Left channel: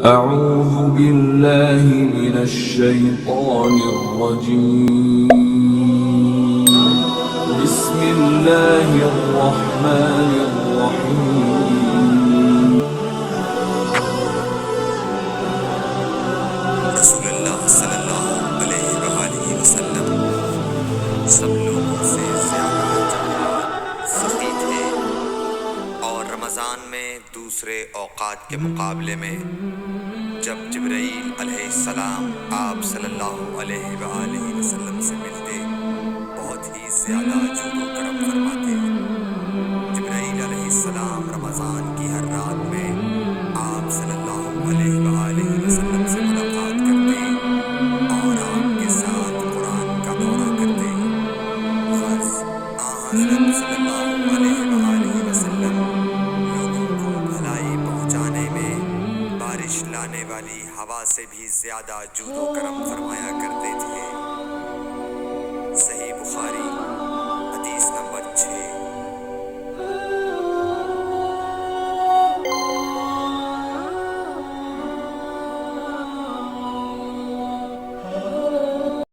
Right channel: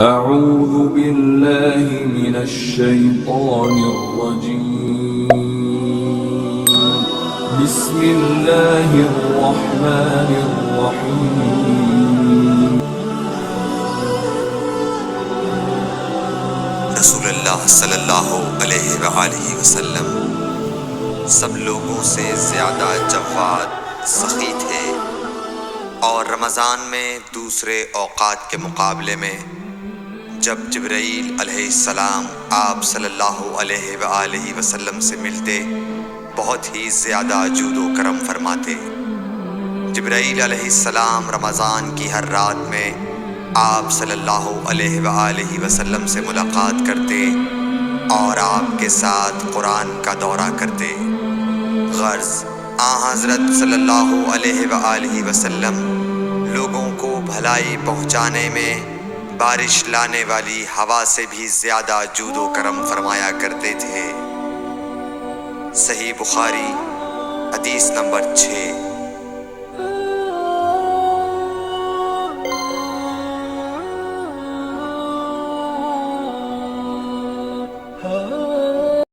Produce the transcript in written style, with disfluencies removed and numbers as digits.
أعوذ بالله من الشيطان الرجيم. بسم الله الرحمن الرحيم. رسول اللہ صلی اللہ علیہ وآلہ وسلم سب لوگوں سے زیادہ جواد، سخی تھے، اور رمضان میں دوسرے اوقات کے مقابلے میں جب جبرائیل علیہ السلام آپ صلی اللہ علیہ وآلہ وسلم سے ملتے بہت ہی زیادہ جود و کرم فرماتے۔ جبرائیل علیہ السلام رمضان کی ہر رات میں آپ صلی اللہ علیہ وآلہ وسلم سے ملاقات کرتے اور آپ کے ساتھ قرآن کا دورہ کرتے۔ غرض حضرت صلی اللہ علیہ وآلہ وسلم لوگوں کو بھلائی پہنچانے میں بارش لانے والی ہوا سے بھی زیادہ جود و کرم فرمایا کرتے تھے۔ صحیح بخاری حدیث نمبر 6۔